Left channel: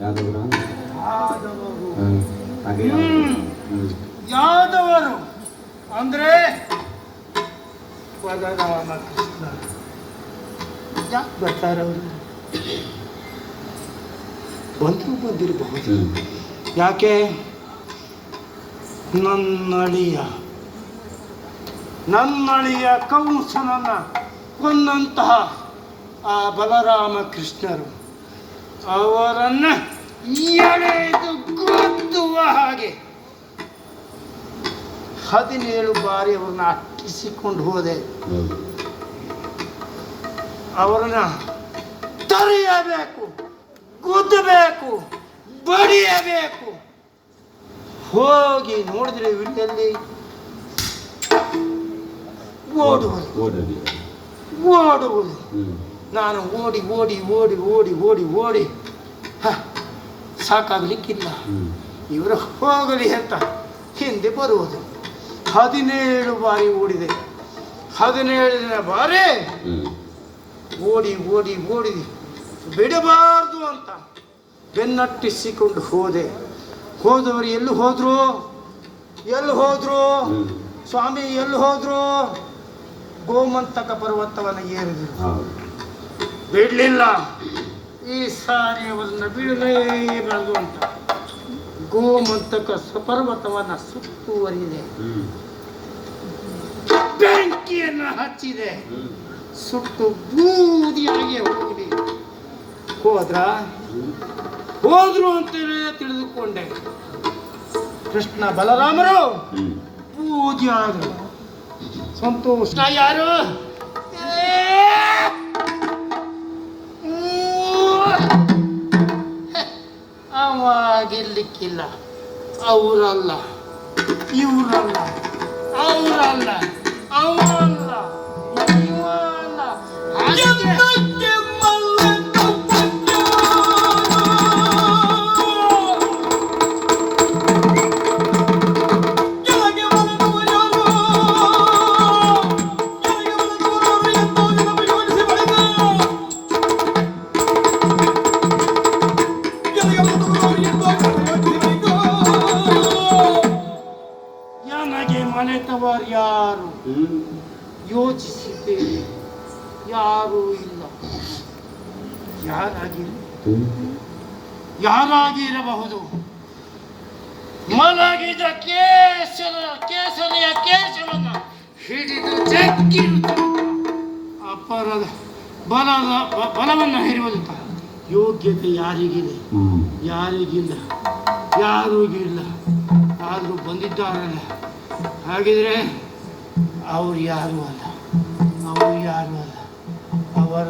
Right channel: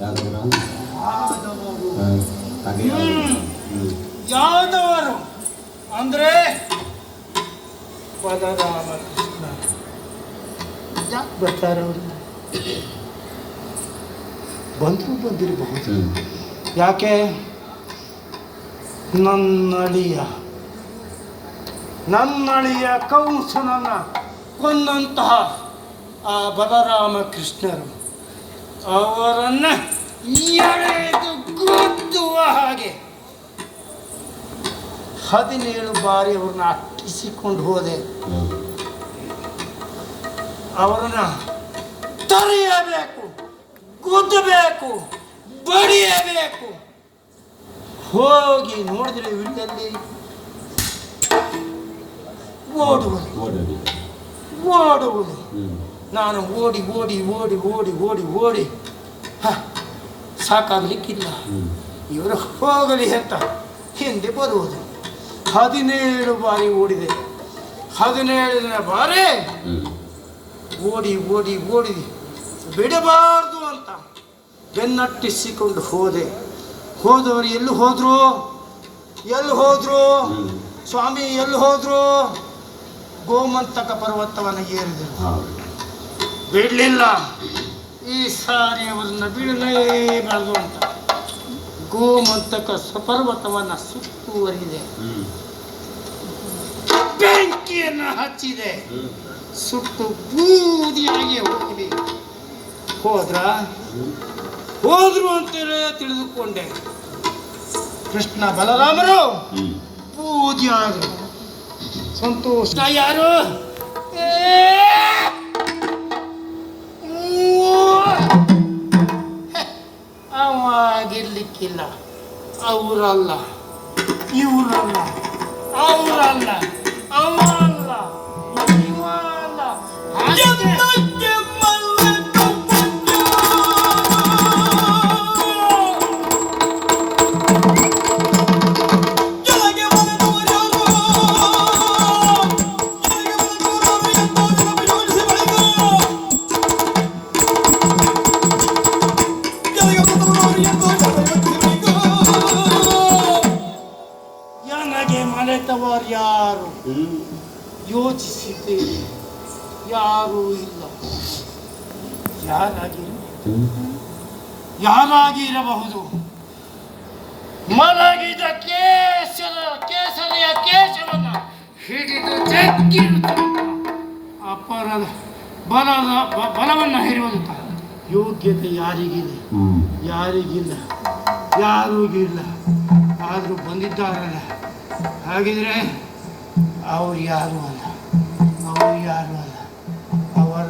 ಯಾದವರು. ಯಾದವರು ಅಂದ್ರೆ ಬಲರಾಮ ಕೃಷ್ಣ. ಯಾಕೆ ಬರ್ತಾರೆ ಅವರು? ಬಂದಿರಬಹುದು. ಯಾಕೆ? ನನ್ನಳಿಯ ಕಂಸನನ್ನ ಕೊಂದಂತಹ ಆ ಬಲರಾಮ ಕೃಷ್ಣರು ಅವರನ್ನ ಎಳೆದು ಗುದ್ದುವ ಹಾಗೆ 17 ಬಾರಿ ಅವ್ರನ್ನ ಅಟ್ಟಿಸಿಕೊಂಡು ಹೋದೆ. ಅವರನ್ನ ತಡೆಯಬೇಕು, ಗುದ್ದಬೇಕು, ಬಡಿಯಬೇಕು. ಹೋಗಿ ನೋಡಿದ್ರೆ ವಿಡಿಯಲ್ಲಿ ಓಡುವುದು. ನಾನು ಓಡಿ ಓಡಿ ಓಡಿ ಓಡಿ ಓಡಿ ಓಡಿ ಸಾಕಾಗಲಿಕ್ಕಿಲ್ಲ. ಇವರ ಹೋಗಲಿ ಅಂತ ಹಿಂದೆ ಬರುವುದು. 17 ಬಾರಿ ಓಡಿದೆ. 17ನೇ ಬಾರಿ ಓಡಿ ಓಡಿ ಓಡಿ ಬಿಡಬಾರ್ದು ಅಂತ ಬೆನ್ನಟ್ಟಿಸಿಕೊಂಡು ಹೋದೆ. ಹೋದವರು ಎಲ್ಲಿ ಹೋದ್ರು ಸ್ವಾಮಿ? ಎಲ್ಲಿ ಹೋದ್ರು? ಗೋಮಂತಕ ಪರ್ವತವನ್ನು ಏರಿದರು. ಬಿಡಲಿಲ್ಲ. ಈ ಸಾರಿ ಅವರನ್ನ ಬಿಡಲೇಬಾರದು ಅಂತ ಗೋಮಂತಕ ಪರ್ವತವನ್ನು ಸುತ್ತುವರಿದೆ. ಬೆಂಕಿಯನ್ನು ಹಚ್ಚಿದೆ. ಸುಟ್ಟು ಬೂದಿಯಾಗಿ ಹೋದ್ರು ಅಂತಲೇ ತಿಳಿದುಕೊಂಡೆ. ಕೃಷ್ಣ ಬಲರಾಮರು ಬೂದಿಯಾದರು. ಸಂತೋಷ. ಯಾರು? ಅವಾಗಿರ್ಲಿಕ್ಕಿಲ್ಲ. ಅವರಲ್ಲ, ಇವರಲ್ಲ, ಅವರಲ್ಲ, ಅವರಲ್ಲ, ಇವರಲ್ಲ. ಯಾರು ಯೋಚಿಸಿದ್ದೇನೆ, ಯಾರೂ ಇಲ್ಲ. ಯಾರಾಗಿರಬಹುದು? ಮಲಗಿದ ಕೇಸರಿಯ ಕೇಶವನ್ನು ಹಿಡಿದು ಜಗ್ಗಿರುತ್ತ ಅಪರದ ಬಲವನ್ನು ಹಿಡಿಯುವಂತ ಯೋಗ್ಯತೆ ಯಾರಿಗಿದೆ? ಯಾರಿಗಿಲ್ಲ. ಆದರೂ ಬಂದಿದ್ದಾರಲ್ಲ. ಹಾಗಿದ್ರೆ ಅವ್ರು ಯಾರು ಅಲ್ಲ, ಅವರ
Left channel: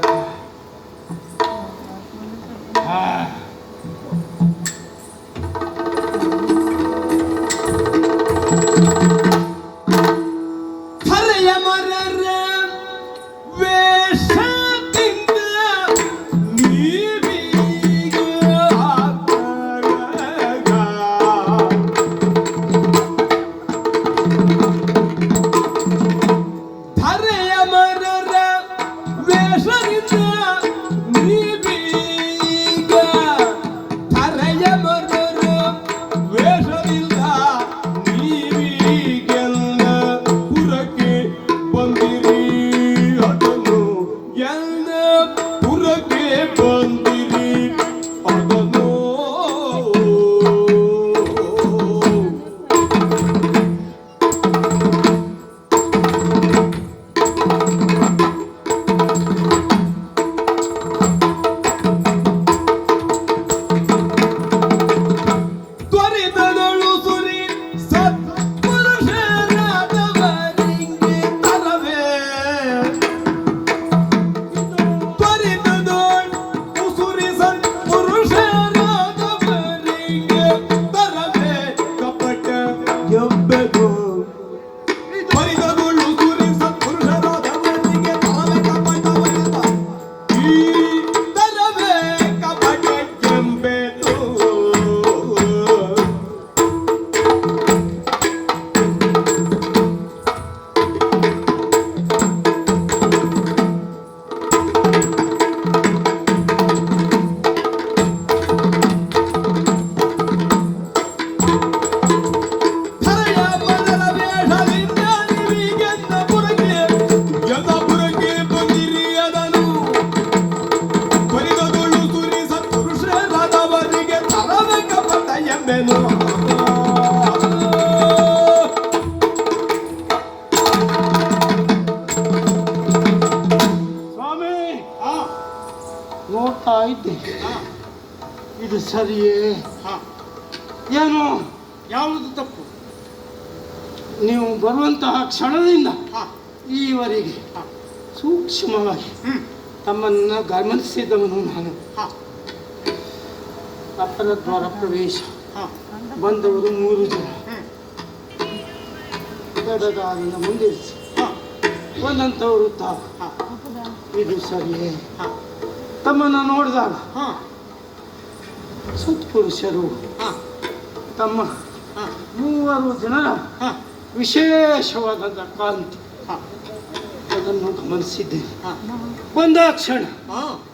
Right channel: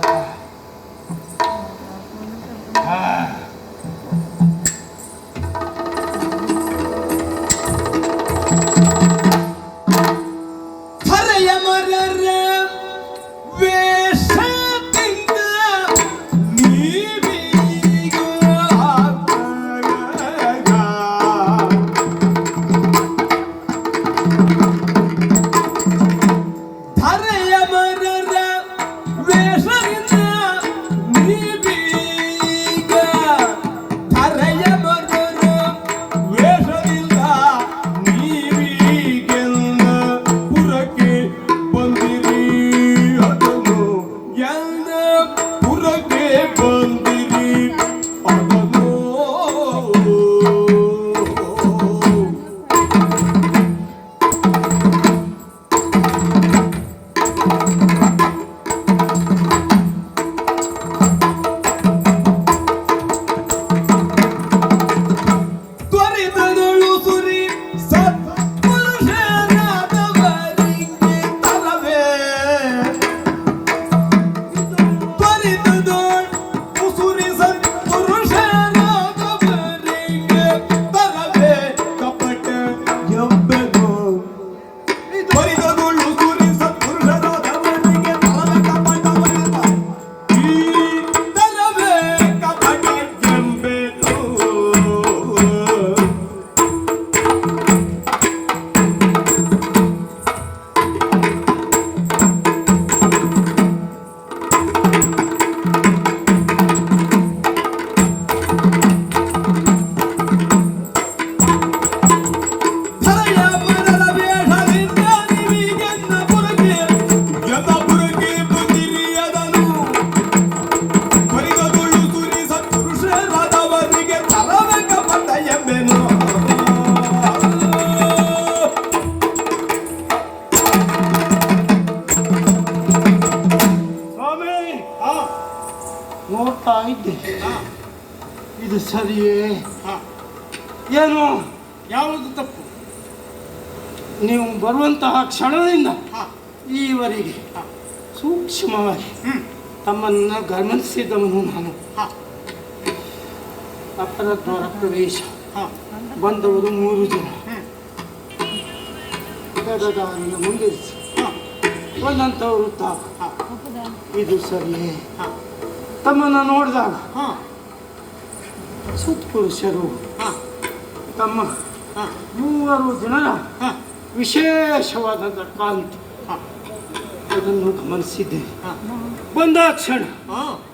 ನೋಡ್ತಾ ಇದ್ದೆ. ಇದು ಸರಿಯೇ? ಏನು ಯಾವುದು ತಪ್ಪು? ನೀವು ಬರುವಂತಹ ಕ್ಷಣದಿಂದ ಈವರೆಗೆ ಹ. ಸೂಕ್ಷ್ಮವಾಗಿ ತಮ್ಮನ್ನು ಗಮನಿಸಿದವನು ನಾನು. ಅಪರದ್ವಾರ ಪ್ರವೇಶ ಬಂದವರು 3 ಜನ. ಗದಗಾರನ ಮುಂದಿರಿಸಿ ಬಂದಂಥವರು ತಾವು. ಇದು ಸರಿಯೇ? ತಮ್ಮನ್ನು ನೋಡಿದಾಗ ಸತ್ಪುರುಷರು ತಮ್ಮ 3 ಜನರ ವಿಶೇಷವಾದ ಕಾಂತಿ ಅದನ್ನು ಗಮನಿಸಿದ್ದೇನೆ. ಬಂದಾಕ್ಷಣ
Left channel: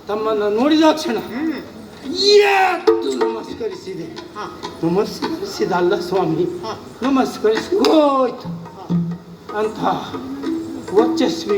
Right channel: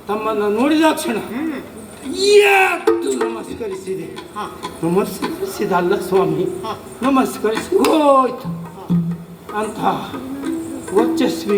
ತಮ್ಮನ್ನು ನೋಡಿದ ಕ್ಷಣ ಯಾತ್ತು ನಮಸ್ಕರಿಸಿದೆ. ನಮಸ್ಕರಿಸಿದಲ್ಲ ಸ್ವಾಮಿ, ನಮಸ್ಕರಿಸಿ ಹೋಯ್ತು ಅಂತ ವರ್ಚಸ್ವಿ